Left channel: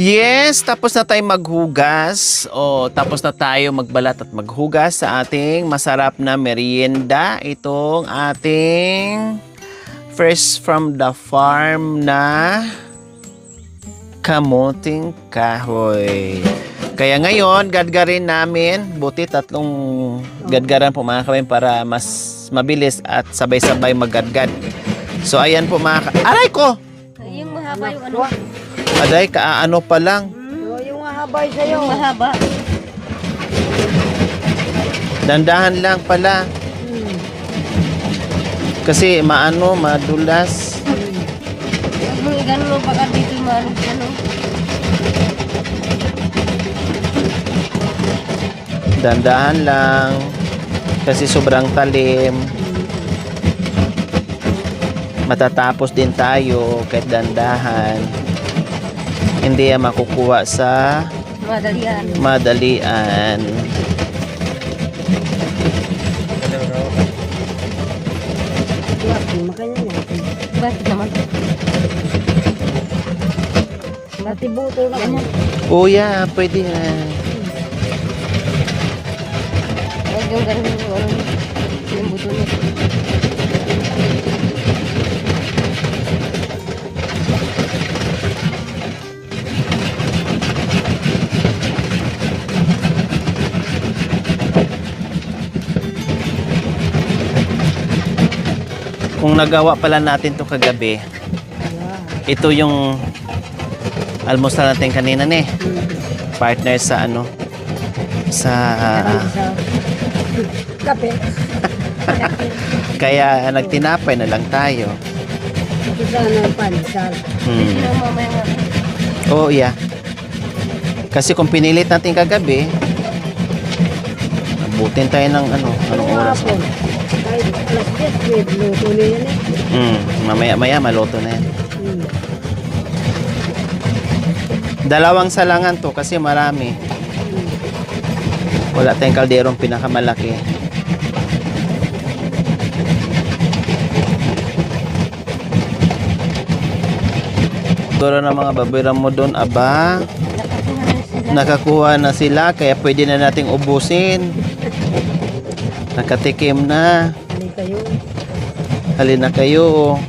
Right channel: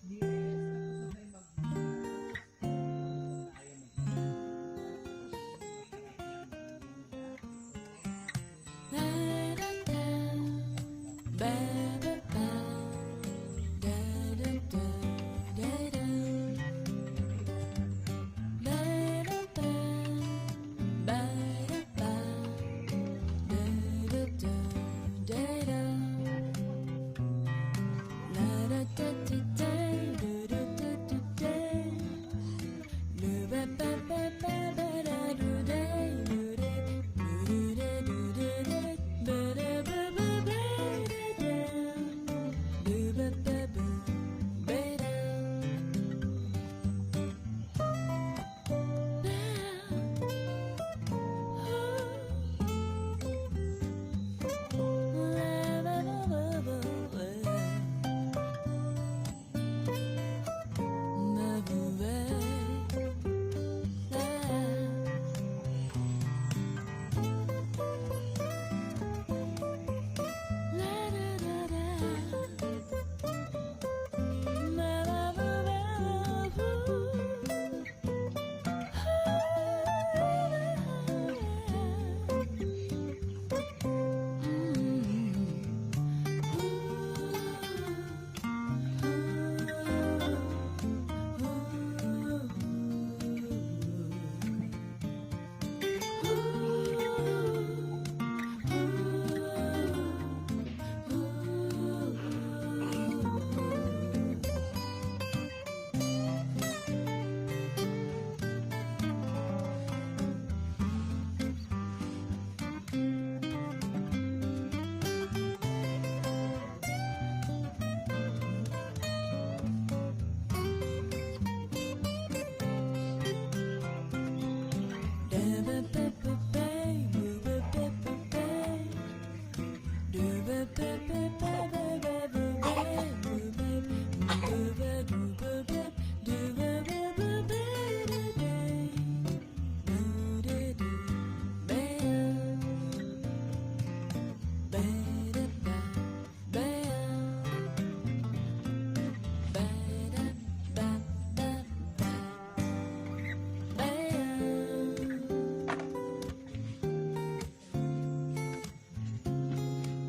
Yes, tapos na tayo maghugas. O, tapos na tayo magbalat at maghugas sa ating masarap na merienda. Itong ating fresh from the farm na kamuting kahoy. Kaya ngayon, gadgarin namin. Buti tatlong gadgaran po mga kawin para mas mabilis at sabay-sabay maggadgad. So, ayan po mga Aray ko! Yung mahaba yung ano. Aday, kaano pa lang. Yung mahaba sa'yo. Yung mahaba. Dandahan lang pala. Kasi maano, madulas. Yung gano'n baka dito maano gano'n. Dandahan lang. Kasi sobrang talim. Matatapos din tayo kahit dandahan. Hindi yan makukuha sa Madalian. madalian. Makanya mo. Bakit naman? Natibuto na kanya. Kuya, pwede na. Yung gano'n yung ano. Yung buto niya. Kung nagawa pala natin to kagabi, ito yung almusal natin kanina ne. Partner sa ano? Sa Kape. kaya nagtinapay na lang tayo. Isa ng panisal. Yung mamaya nga. Oo, yeah. Kasi kung pinilit natin kagabi, abutin tayo ng ano, anong oras? Hapon. Kahit alas 10, luto na yan eh. Mamaya-maya maluto na yan. Dalawang salangan to kasi marami. Wala tayong kalderong pinakamalaki. Siguro ng mga babiram mo doon, aba, nakakuha na sila kaya pwede na nating ubusin. Nakatikim na. Hindi kayo. Halina kayo.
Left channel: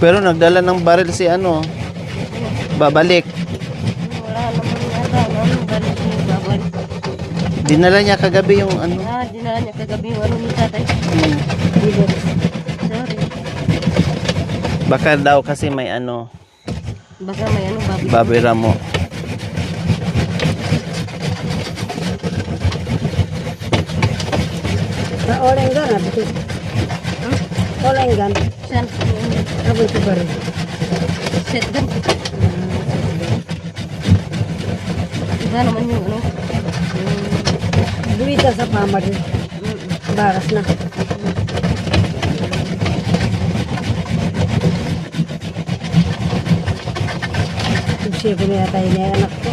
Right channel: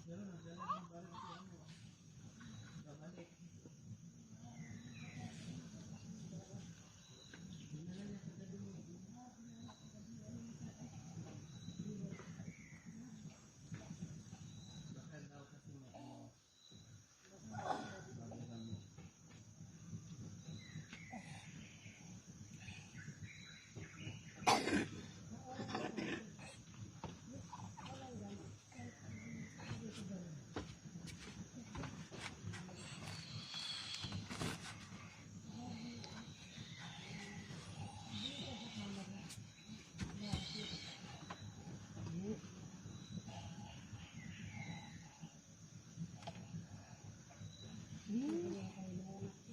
Pero nagdala ng baril si ano. Babalik. Wala naman yata. Ano, balik yung babalik. Dinala niya kagabi yung ano. Dinala niya kagabi yung ano ni tatay. Dito. Sorry. Baka daw kasi may ano. Baka may ano, babi. Babira mo. Sa orengan na dito. Orengan. Saan? Ako ito ba rin? Set gun. Iba naman yung ano. Duwita sa pamad. Baras na. Siya ko na yata yung anak ko.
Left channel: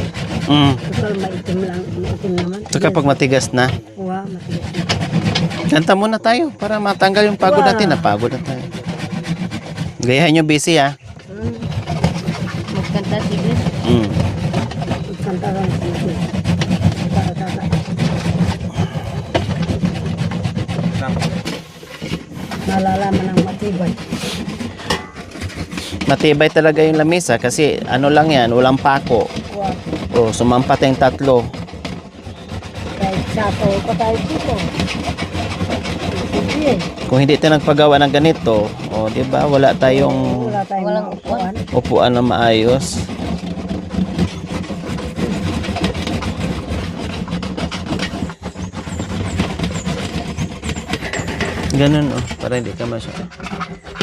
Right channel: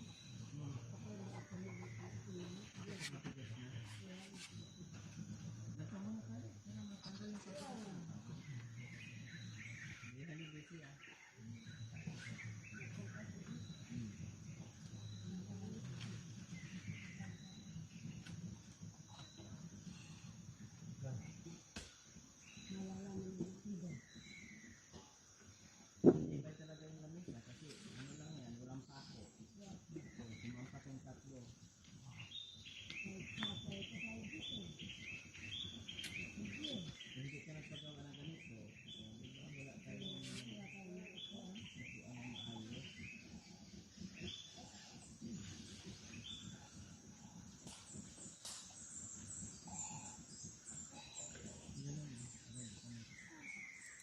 Total maitim lang. Maitim naman. So kapag matigas na, Wow, matigas na. kanta muna tayo para matanggal yung pagod natin. Napagod na tayo. Gayahin nyo busy ha. Magkanta sige. Kanta lang sa natin. Tata. Nalalaman ng matibay. Matibay talaga yung lamesa kasi ano lang yan, walang pako. Wow. O, sumampat yung tatlo. Kahit sato pa tayo dito. Sige. Kung hindi tayo nagpagawa ng ganito, o di ba wala tayong Wala tayong Walang upuan. upuan na maayos. Ganun para hindi ka masya.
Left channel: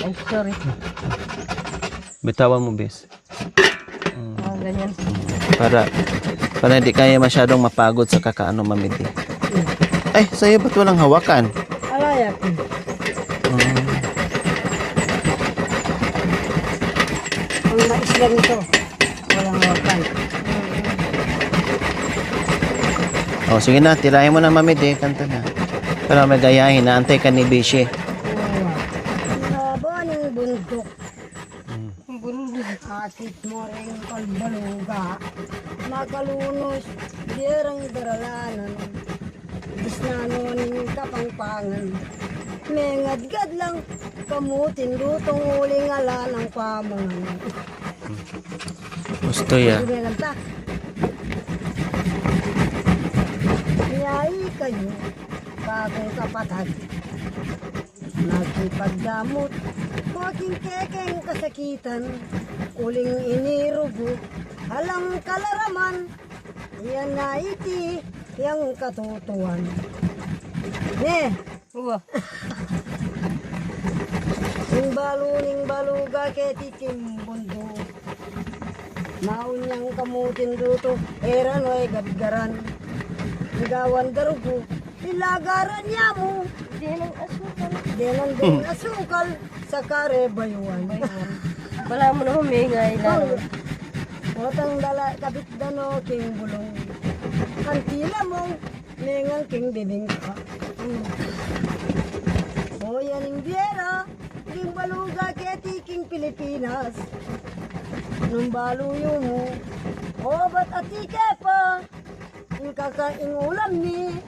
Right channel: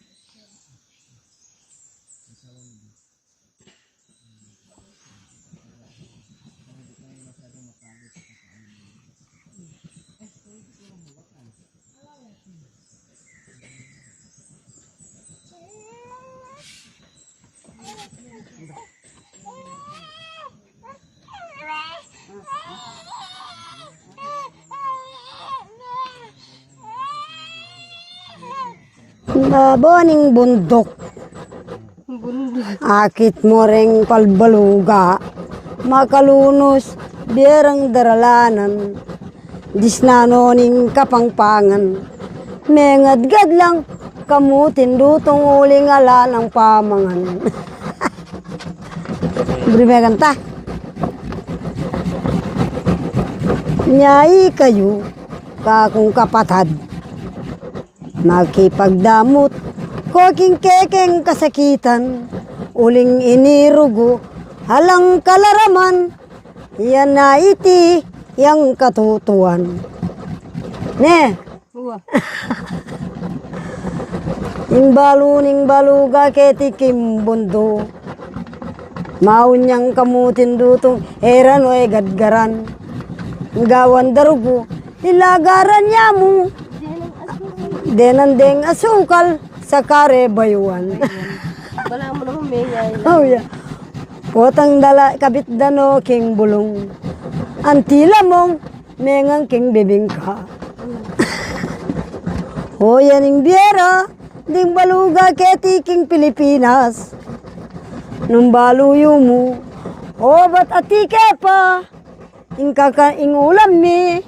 Ay, sorry. Bitawan mo, bes. Ganyan. Para hindi kaya masyadong mapagod sa kakaano mamiti. Ay, sa'yo ba't walang hawakan? Alaya. Ang mais lang ito. Walang wakan. O, sige na, tirahin mo na mamiti. Kanta na. Pero may gayahin, naantay ka ni Bishi. Labaning bundok. Bundok. Akit mo ring palbaluga. Makalunos, biyerang daralanan. Disnanoning kapangpangan. Mengadgad lang, kamutin dutong uling ala ng pamangan. Gusto yan. Bili may kanta. Nyai kayo, kakong kapatad. Nakipagdamot, koking kekeng kasakitan. Uling inirugo, halang kalaraman. Yan na iti, yang katutuan. Ne, Uwa. ning baluga ketikim bundo. Maunyang kamutin dutong eran o gadgaran. Gawan darugo, ilagaran niya mo. Denandeng asukal sa kare bayuan. Wala mo naman may ngay. Oh yeah. Potang dala kabit dano king bulong. Antila mong mengang king bibingka. O yaning biera, ding baluga keti king Pilipinas. Nung baluyo mo, o ba't atike pa? Ing ulam mi,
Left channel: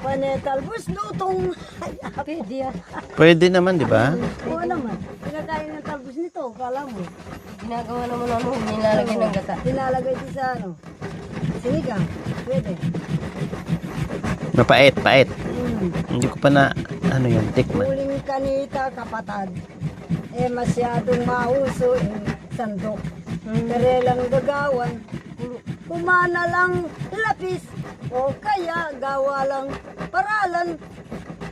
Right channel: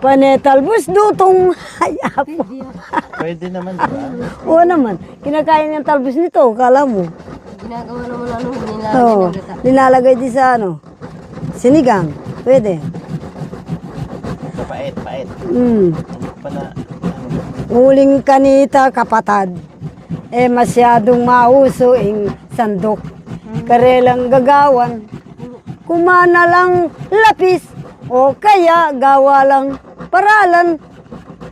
panetalbus dutong hayapo. Pwede naman, di ba? Oo naman, kinakain ng talbos nito, kala mo. Ginagawa naman ano, nilalagay Oo, ng gata. nilalagay din sa ano, sinigang, pwede. Mapait, pait. Hindi ko pa na, ano yun, Uling kanita kapatad, masyadong mauso ing sandok. Karelang gagawan, kumana lang lapis, o kaya gawa lang paralan,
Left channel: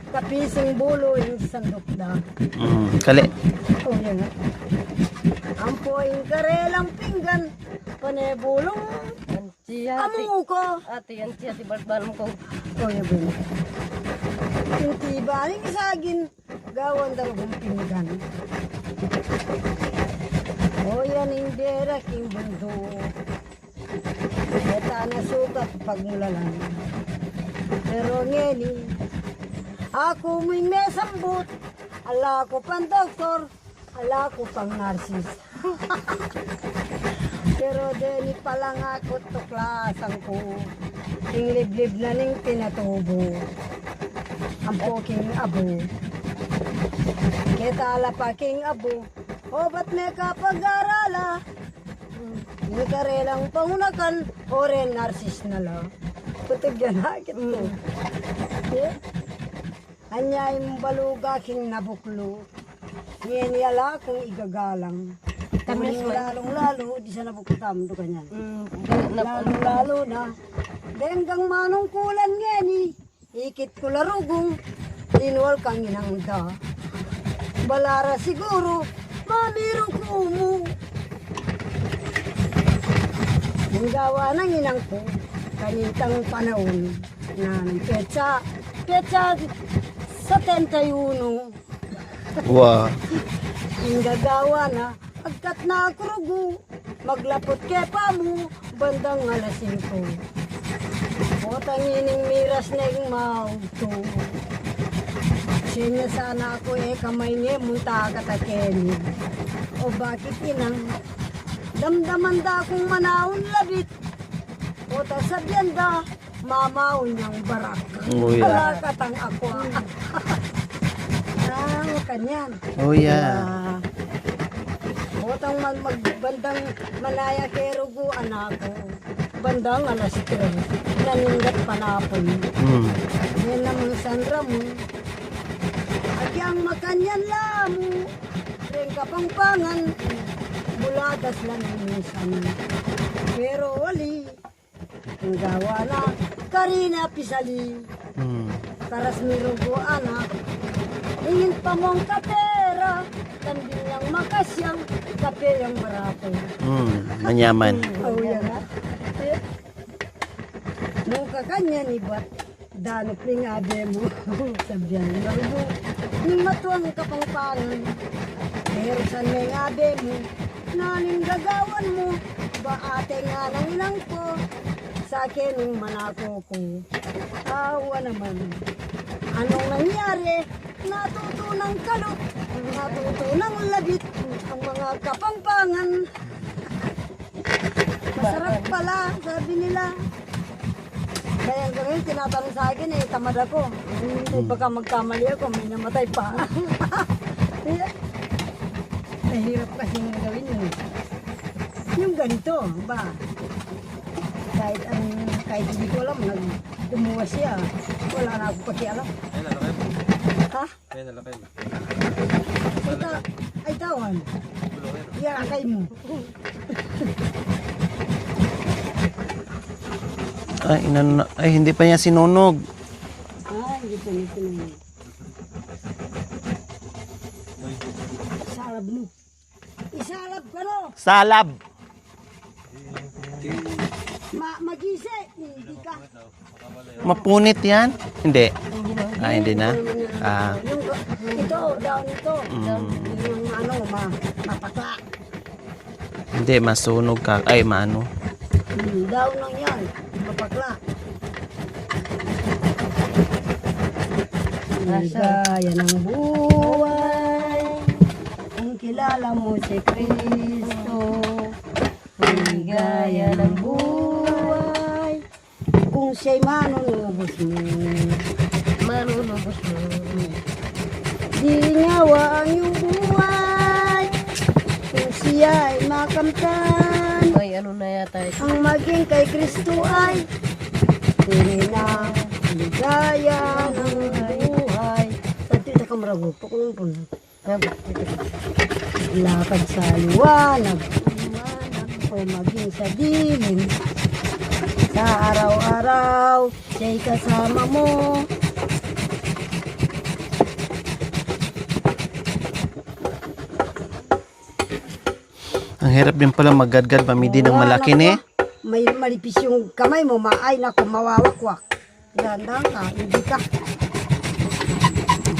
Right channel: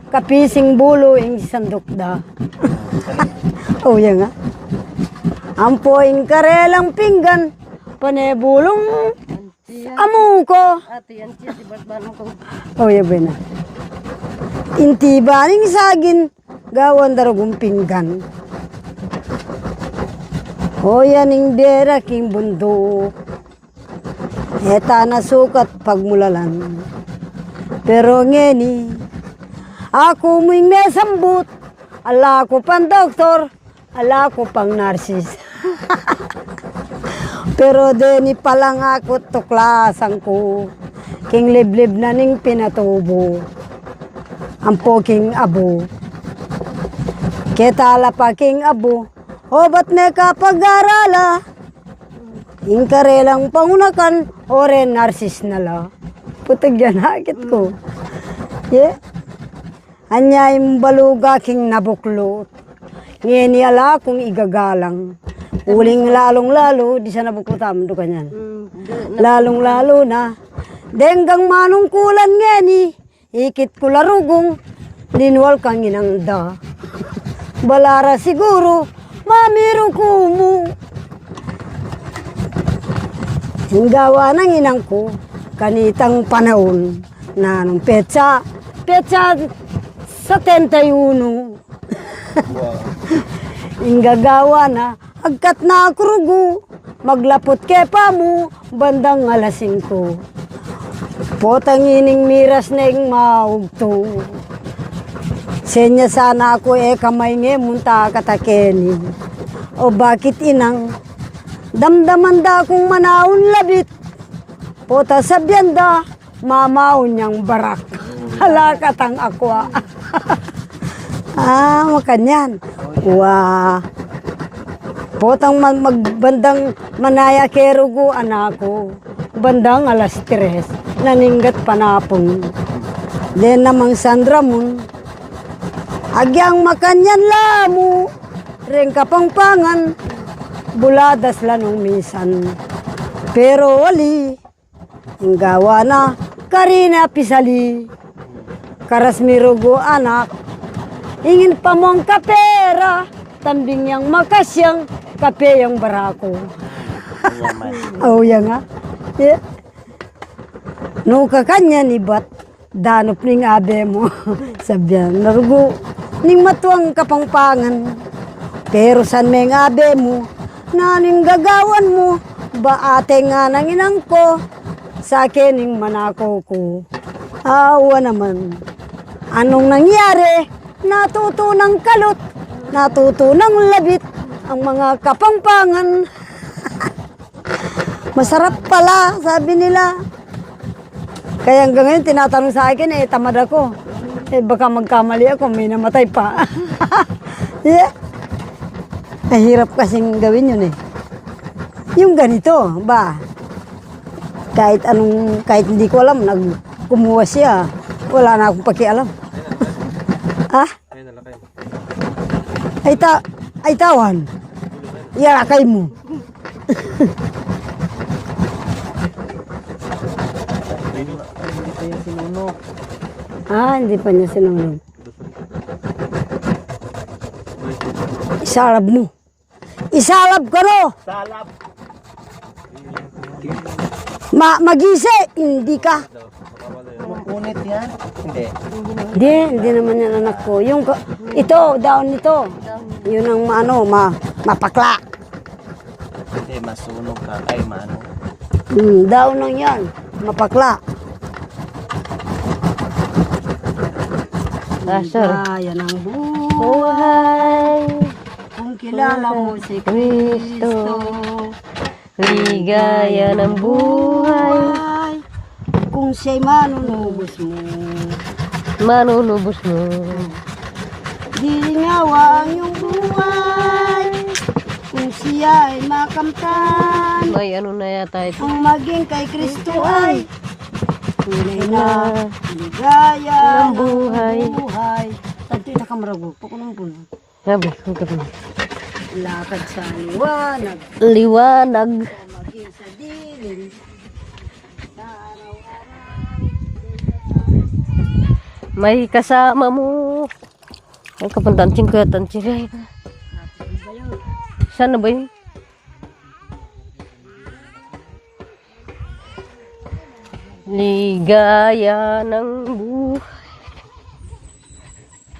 kapising bulo ing sandok da. Kali. Oh, yan nga. Ampoing karelang pinggan, panebulong amuko. Ate yan siya, tibat-ban mo ko. Oh, yan ba na. Intibaning sagin, gawan darugong pinggan. O yaning biyera king bundo. Eta na sukat pagmulalan. Pero ngeni, ako mo'y may sambut. Ala ko pang doktor, ala ko pang narsis. Pero deni palang ako tuklasan ko. King liblib na ning pinatubo. Ang poking abo. Ketala pa king abo. O ba't may kapag-arala? Yung karelang pangunakan, o rin narsis na la. Putag yan, hakit ko. Yeah. Anya yung baluga king nabuklot. Ngayon yala kung igagalang. Uling lalong-lalo, di sa nabuklotam, do kanyan. Lalong-lalo na. Denggang manungkulan ngeni, ikit ko larugong, linwal kang inangda. Balara siguro, mamiro ko mo. Hinggawa ng inang ko, kanitang panahon na nung petsa sa 31. Wow. Inggagawa na, agkat na akrugo, maglapot kepa mo, bandang alas 5. Potang ining miras na yung maugto. Senya sana ako kamay nge munta katakeni. O bakit inang, damdaman da akong manaon labit. Pota sa biyanda, mamaon niyang barak. Uy. Halakatang akwa. Makanyan. Oh, yeah. Wow. Potang magbandang manaya kerugo anako. Bandang alas 3, naninggat panapon. Den namang Sandra Moon, agyang makanyan lamo, ring kapangpangan, buladas lanong misan. Pero wali, ang gawa na, karina pisali, karas mirugo anak, ingin pa mong kapera, tambing yang makasyang, kape yang barako. Manyaman. Oh, yan nga. Yeah. No kakanya ni bat, danop ning abe mo. Sabyan, narugo, ning matuang kapangpangan. Pero san may abe mo, naning gagawan mo, ba ate nga nang inang ko, sa akin ning manako ko. Awa naman. Anong nangyari? Natuto ng kalot, natuto ng labit, ang mga kapampangan. Masarap pala, sabi nila. Kaya hanggang ngayon, tinatanong sa akin, tamad ako. Baka magkamali ako, may namatay pa. Yeah. Mahirap kasing gawin yun Yung ganito, ba? Kahit hindi ko alam, kumuha siya. Wala na akong pakialam. Ha? Ay tawan. Ialakay mo. Ay, hindi pa niya sinunog. Hindi pa niya sinunod. Isalab mo. Isalab ka no! Salab. Magise, hindi ka. Mapunit yan? Hindi. Hindi naman yan anak ko. Ito, daon nito. Yun ang mapakla. Hindi, masunog ka. Ay, maano. Daon lang yan. Mapakla. Gaya ng buhay. Kung kilala mo si Kristo. Ligaya ng buhay. Kung siya'y manunubos mo. Manunubos mo. Ginawa ang iyong buhay. Kung siya'y makamtan. May ano na yata ito. Ang maging kay Kristo ay tunay na ligaya ng buhay. Pagtita ka marago, pakunong po na. Sabi, ito po. Lakad sa liwanag Liwanag. o maging sa dilim. Sa araw-araw, siya'y kasama mo. May kasama mo. Ang kapantanting ko, Sana ba yun? Ang hirap din pala maggadgad pamidi ng malaki ni. May malipis yung kamay mo, maay na kung mawawag. Ligaya ng Hindi ka.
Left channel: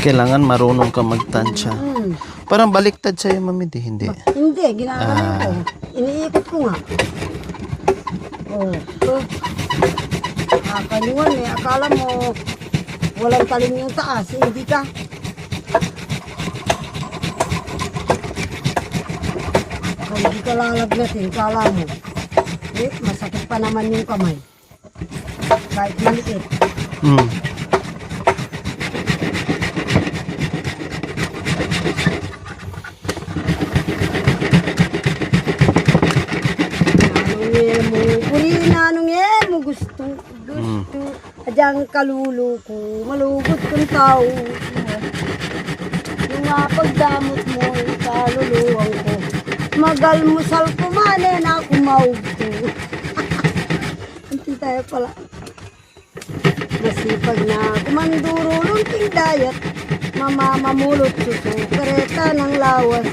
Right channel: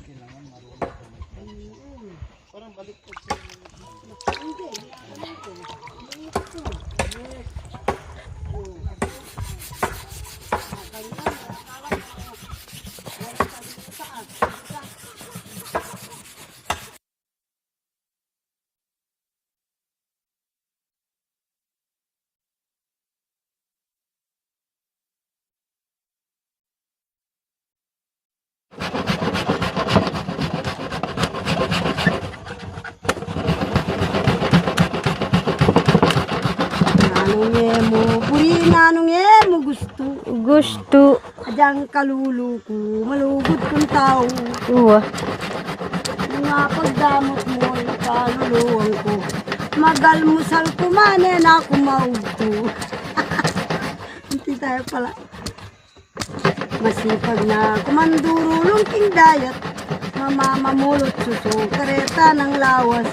Kailangan marunong ka magtansya. Parang baliktad sa'yo, mamidi. Hindi. Hindi, ginagawa ko. Iniikot ko nga. Kakaliwan akala mo walang talim yung taas, hindi ka. Kung hindi ka lalagnatin, kala mo. Masakit pa naman yung kamay. Kahit maliit. Gusto. Adyang kaluluko, malugod kang tao. Uwa. Nga pagdamot mo, kaluluwang ko. Magalmusal ko man na kumaug ko. Hindi tayo pala. Masipag na kumanduro lungking dayat. Mamamamulot suso, kareta ng lawas.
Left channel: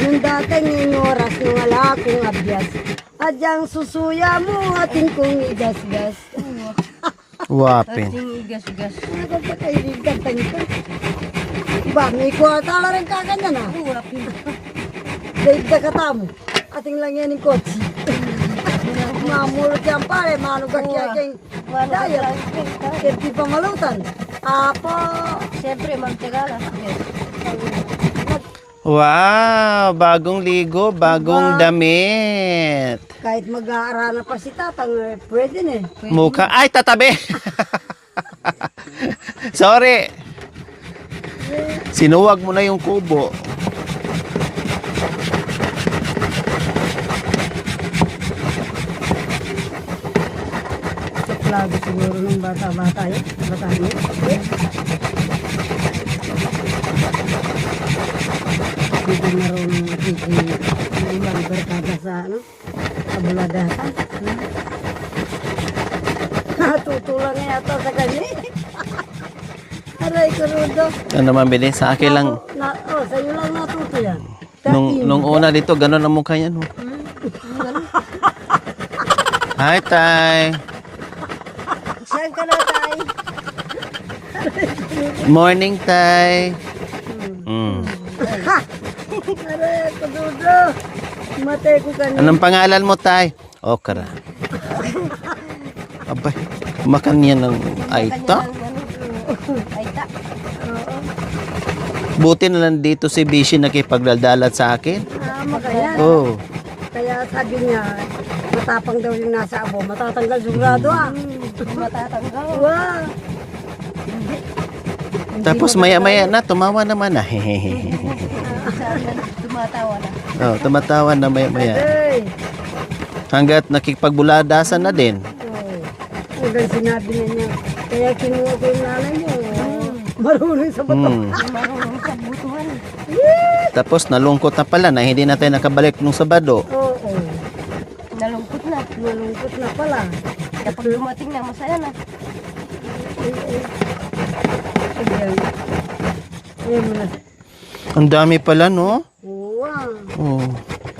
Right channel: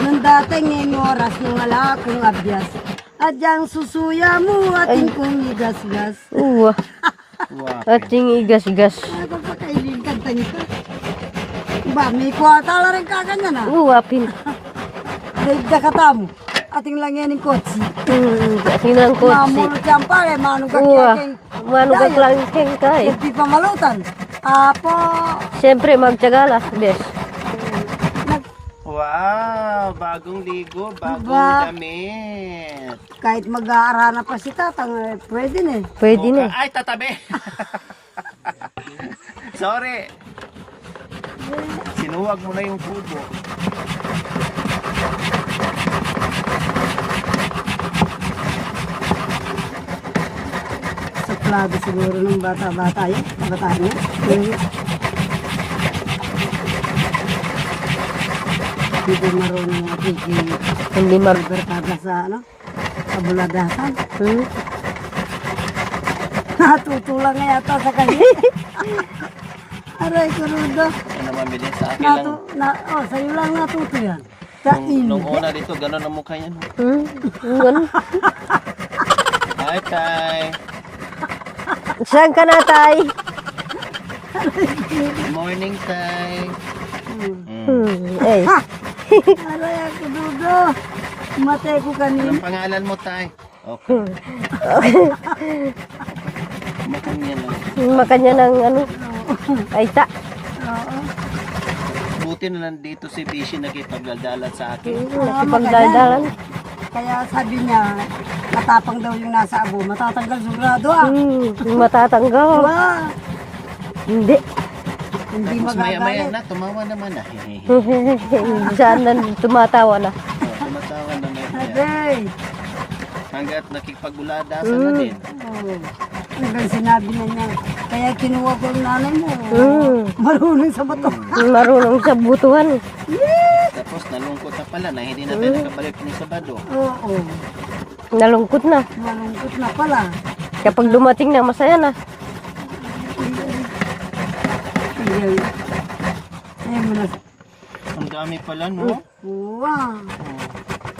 Nang dating ngayong oras, nung wala akong abyas. Adyang susuya mo, ating kong igas-gas. Uwa. Wapin. Ating igas-gas. Ano pa kayo kanta nito? Ba, may kwarta lang kakanya na. Uwa, pin. Dahil kakatamo, ating lang yan yung kotsi. Ating lang ko. Mamulot yan pare, manugak Uwa. yaking. Manugag lang yung kay. Hindi pa malutan. Apo, Siyempre, magtyaga lang. Yes. Wow! Bagong ligo, bagong damit. kahit mag-aarana pa si tatang, pwede na eh. Pwede Mukha. na. Ay, tatabi! Sorry. Sinuwag mo na yung kubo. Sa plago siguro ng bata-bata yun. Bata niya. Hindi ko marunong Hindi barkada sa ano, sa buladatan. Natutulang nga yata sa kanya. Aray ko rudo. Ano naman, bilis? Sa akin lang. Sa'yo lang natuto yan. Nung una dito, gano'n ang mukha yan. Ganun. Hi, Tay. Saan ka na, Tay? Morning, Tay. Ay, Aray ko rudo. Mate ko kanina. Anong pangalan mo, Tay? Okra. Abay, makan niya ng Makanya aita. ng ano, aita. Buti na lang dito si Bishi nakipagdadalat sa akin. Pagdada. Oh. Kaya sabi niya, matapang daw yung nasa abo, matatanggal sigurado ah. Matatanggaw. Ah, Hindi. Tapos maya-maya na, tumawa naman na. Saan na tumatawa na. Oh, tumatawa na maya-maya. Ay, Hanggat nakipagbuladasan na din. hanggang sinabi na niya, kaya kinuha ko yung nanay mo. Marunong sa bato. Marunong sa butuhan. Tapos nalungkot na pala na hindi na tayo nakabalik nung Sabado. Oo, Nalungkot na. malungkot na pala. Kapag dumating na, masaya na. Ayan. Ayan mo na. Ang dami pala, no? Wow. Oh.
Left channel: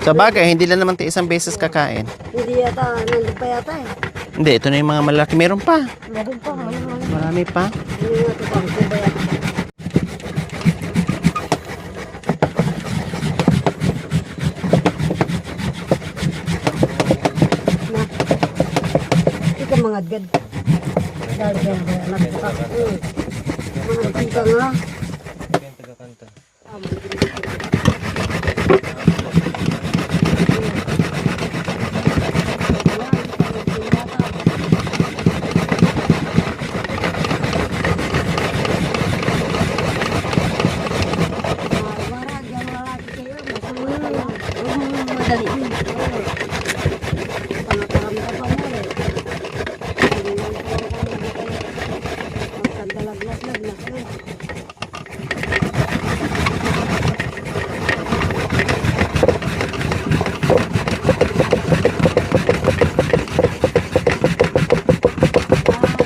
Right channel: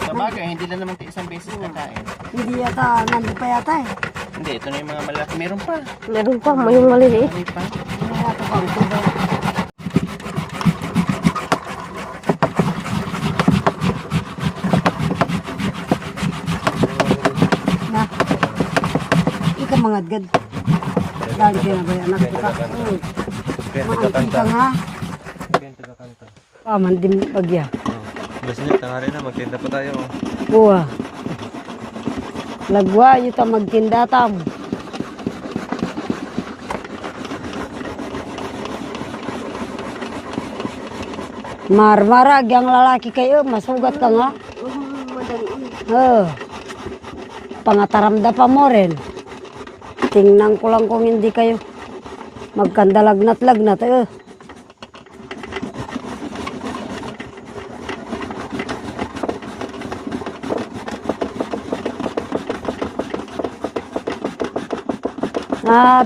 Sa bagay, hindi lang naman tayo isang beses kakain. Hindi yata, nandun pa yata eh. Hindi, ito na yung mga malaki. Meron pa. Meron pa, may maliliit. Marami pa. Hindi nga ito pang tubay. Na. Ikaw mga gad. Dahil kayo na ba yung anak ko ka? Mga antika nga. Paman din yung pagya. Buwa. Lagwa, yuta magtindatam. Marmarag, yung lalaki kayo, masugat ka nga. Oh. Pangataramda pa mo rin. Tingnan ko lang kung hindi kayo magkandalagnat-lagnat.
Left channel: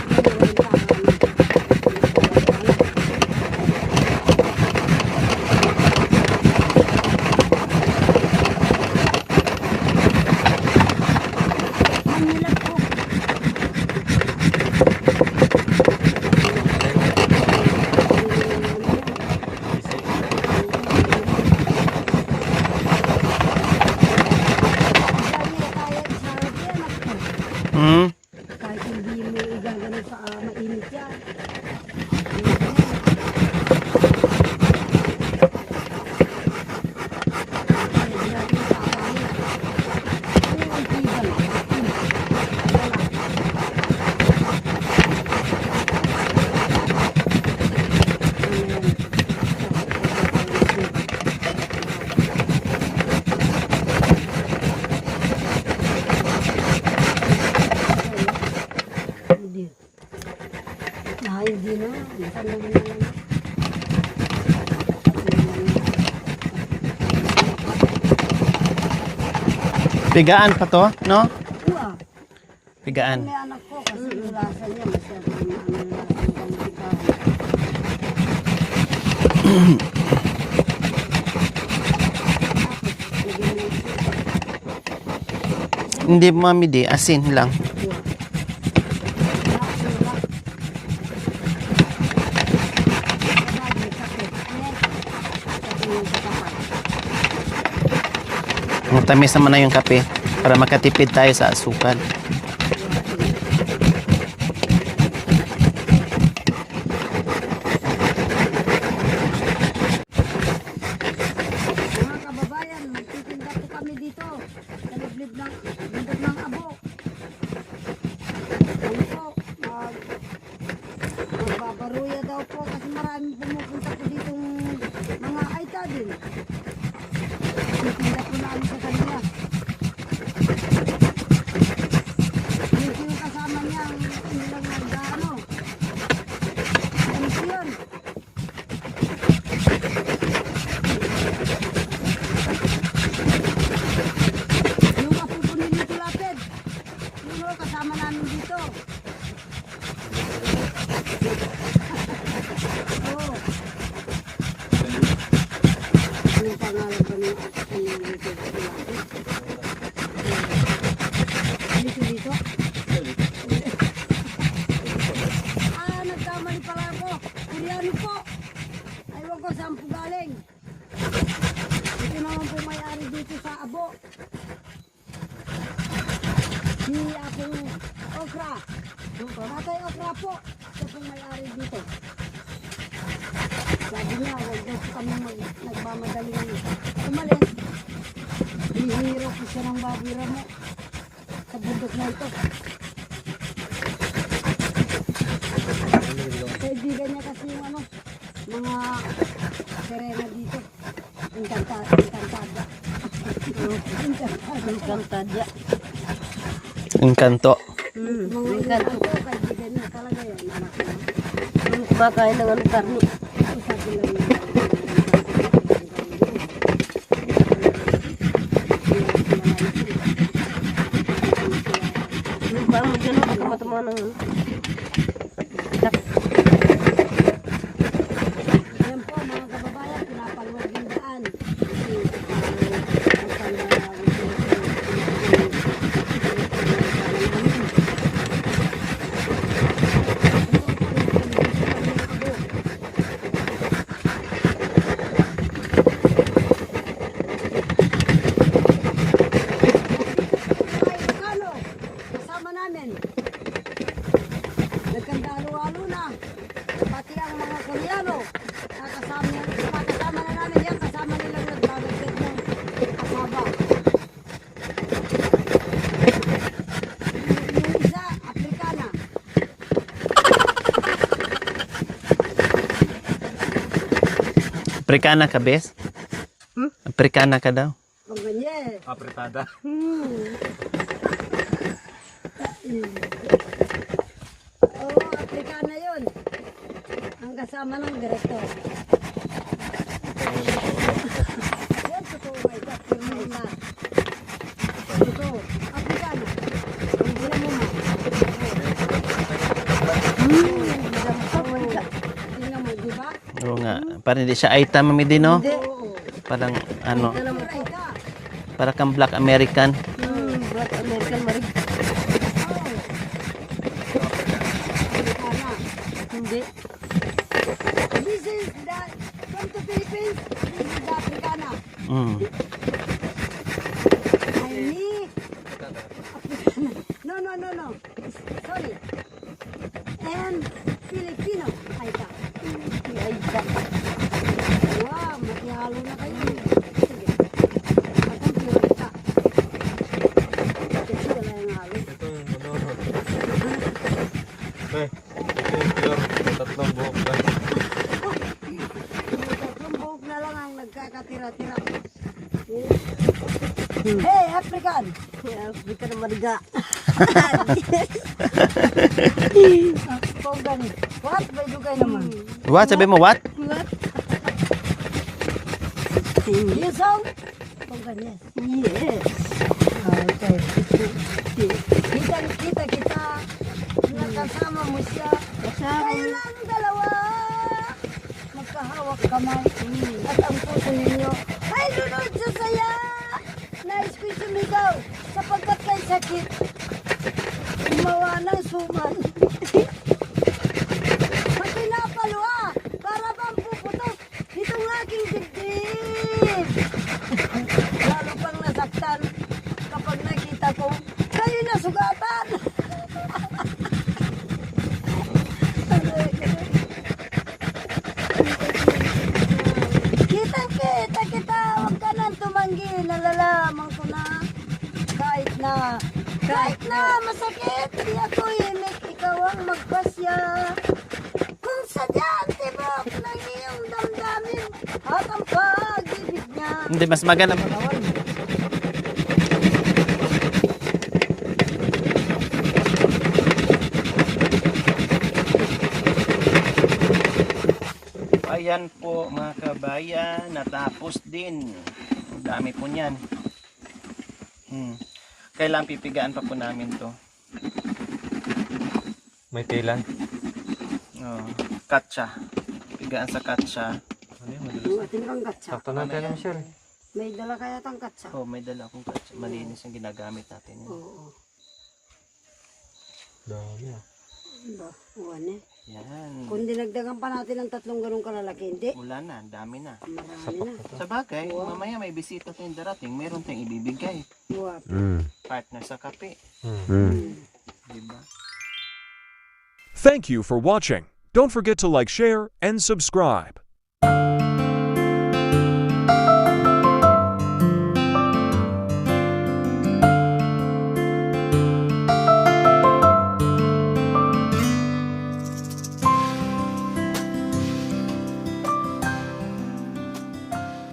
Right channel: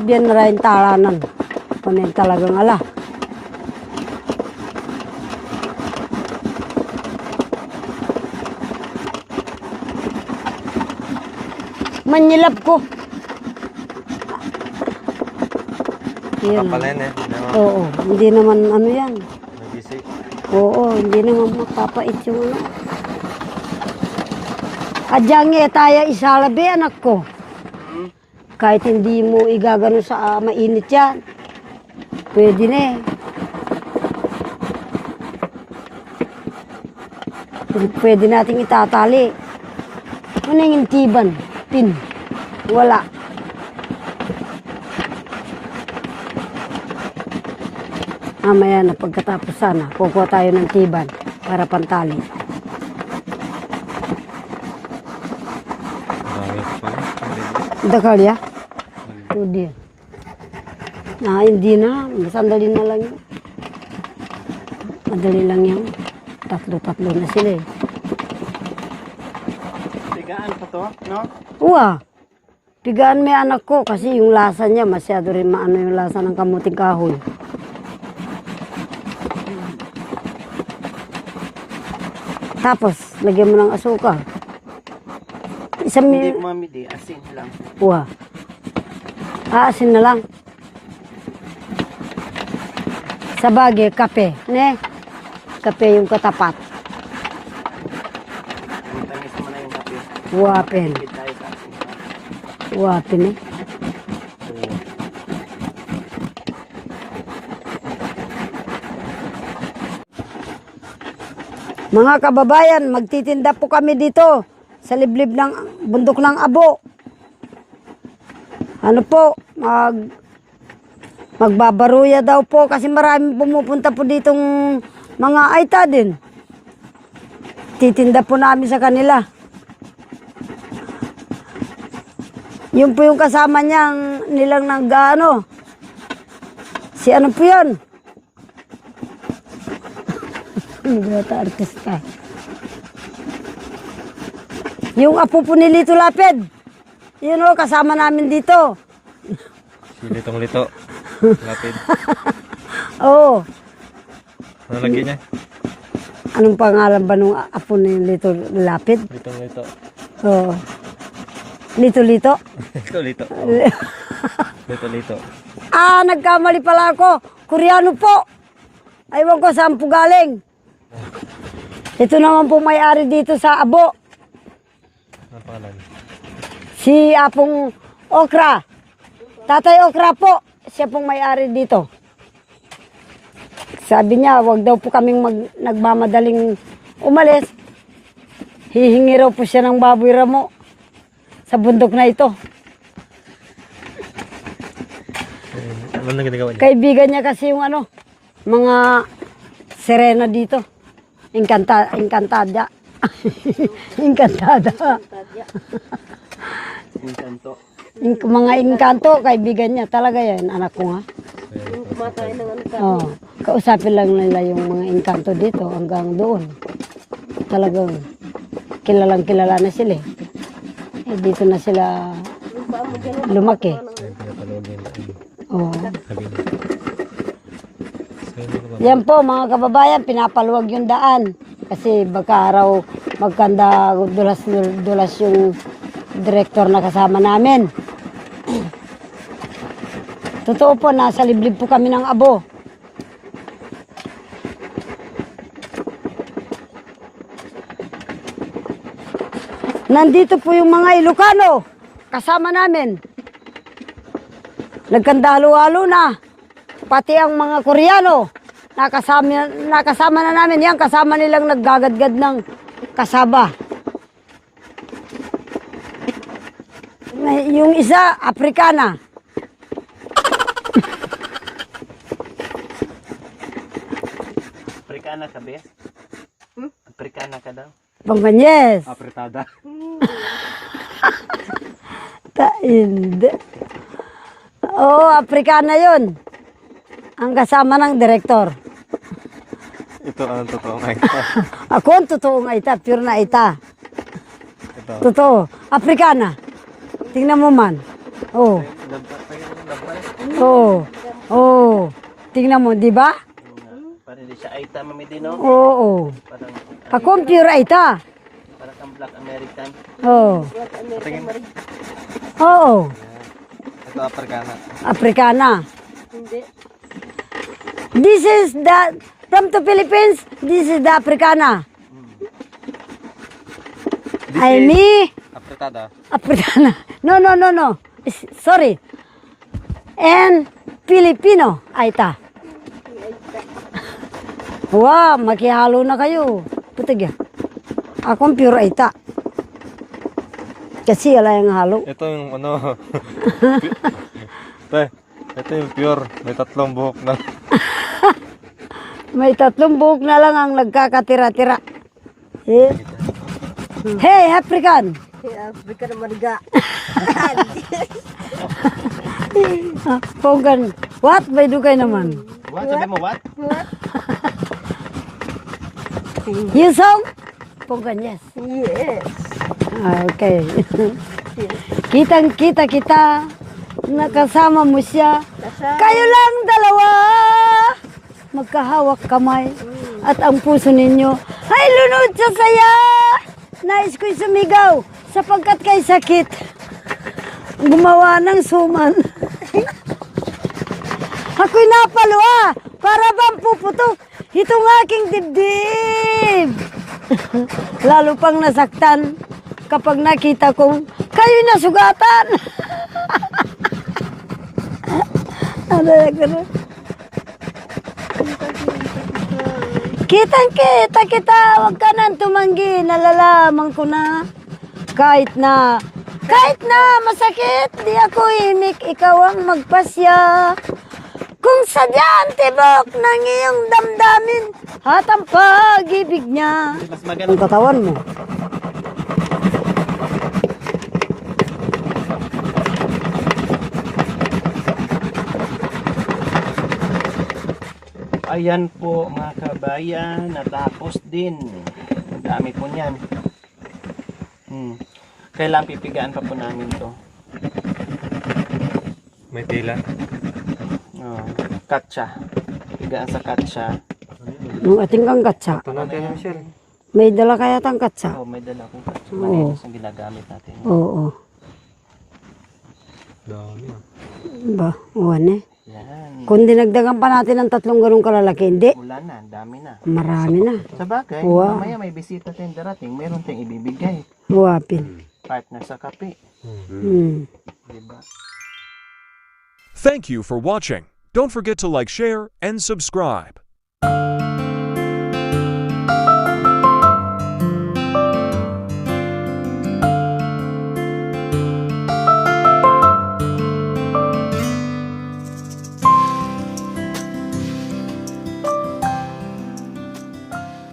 Biyan na rin talanan. Kung yung talagang ala. Manilap ko. Yan. Oo, hindi naman ano yan. Oo, hindi naman magpapait yung ano. Adyang tayo isalabi anak ko. Hmm? Kahit hindi mo igagano sa mainit yan. Pwede na eh. Pwede natin itatali. Ano yung tiban? Pin. Wala. Mamaya na pagkatapos sana, kukuha tayo ng tiban para pantali. Ito kaya? Hindi. Hindi na. Sandali na lang yan. Madali lang yan. Takbo-takbo na sila eh. Pigaan pa to, no? Uwa. Pigaan may anak ko kasi yung lasa niya masyado rin maano yung lasa ng kamuting kahoy. Tapos, lagyan mo ng asukal. Hindi, mami, di. Asin lang. Uwa. Aasin na lang. Sa bagay, kape. Ne? Kape yung katapat. Tamis naman na yung kape. Para Wow, makatipid tayo sa asukal. Uwa, pini. Mga kababayan, magtitinda po kami dito sa liblib ng bundok ng Abo. Ano po, magbabaruya daw po kasi maraming pumupunta po ditong mga aita din. Titinda po namin sa kanila. Yun po yung kasama nilang nag-ano. Si ano po yun? Yung apo po ni Lito Lapid. Yun o, kasama namin dito. Lito. Oo. Ano lagi niya? Anong pangalan ba nung apo ni Lito Lapid? Lito. Oo. Lito. Lito. Nagkamali pala ako. Koreano po. Aywan ko saan po galing. Ito naman po may-ari dito sa Abo. Si Apong Okra. Tatay Okra po, siya pong may-ari dito. Sabi niya, wag daw po kaming nagmamadaling umalis. Hihingi raw po siya ng baboy ramo sa bundok na ito. Kaibigan niya kasi yung mga sirena dito. Encantada. Encantada. Encanto. Mga engkanto, kaibigan niya. Talaga yan, anak ko nga. Kumakain ng Oh, kausapin lang nila yung mga engkanto dito hanggang doon. Talagang kilalang kilala na sila. Dito na sila lumaki. Oh. Yan po mga kababayan, pinapaluwag yung daan. Kasi baka araw magkanda dulas yung direktor na kasama namin. Totoo po, nasa liblib po kami ng abo. Nandito po yung mga Ilocano, kasama namin. Nagkandalo-halo na. Pati ang mga Koreano, nakasama na namin. Yan, kasama nilang naggagadgad ng kasaba. Yung isa, Afrikana. Afrikana ka, bes? Afrikana ka daw. Panganyes. Apretada. Hindi. Oo, Afrikana yun. Ang kasama ng direktor. Ito ano totoo. Ako ang totoo nga ita, pure na ita. Totoo. Afrikana. Tingnan mo man. Oh. Oh. Oh. Tingnan mo, di ba? Oo nga. Parang hindi siya Aita, Mami Dino. Oo. Parang Ako ano, ang pure ita. para kang Black American. Oh. Oo. Afrikana. Hindi. This is from the Philippines, this is the Afrikana. Mm. Aimee. Apretada. Afrikana. No. Sorry. And Filipino. Aita. Wow, makihalo na kayo. Ito gya. Akong pure Aita. Kasi wala yung halo. Ito yung ano. Ito yung pure. May tatlong buhok na. May 3 buhok na lang ang nagkakatira-tira. Eh? Hey, African! Afrika na mariga. Pogan. What? May dugay naman. What? Sabi mo, what? You song? Pogan, yes. Yes. Okay. Kitang-kita kita. Nakasama mo siya. Kayo lang dalawa. Magkahawak kamay. At ang puso ninyo ay lunod sa saya. Nais ko'y sumigaw sapagkat kay sakit. Gumawa ng suman. Ako'y napaluwa para bang puputok itong aking dibdib. Lalo pang nasaktan kapag nakita kong kayo'y nasugatan. Ano yan gano'n? Kitang-kita kita, huwag ka nang tumanggi, nalalaman ko na. Kahit na masakit, di ako imik, ikaw ang magpasya. Kung sadyang tibok ng iyong damdamin, at ang pag-ibig niya. Hindi, mas maganda. Ang katawan mo. Ayan po mga kabayan, natapos din. Ang dami po niyan. Kailangan pipigaan pa po namin to. May tila. Katsa. Pigaan sa katsa. Yung ating kang katsa. Ito natin ano Michelle. May dala kaya tang katsa? May dala akong katsa. Oo. Malinis ang ginagamit natin. Oo. Dami ah. Ba, uwan eh. Yan. Kung dinagdagan pa natin ng 3 ganung kalalaki, hindi. Wala na, ang dami na. Marami na. Sa bagay, Wow. mamaya may bisita tayong darating, mayroon tayong ibibigay. Huwapin. Partner sa kape. Hmm. Diba? Thank you for watching. Don't forget to like, share, and subscribe.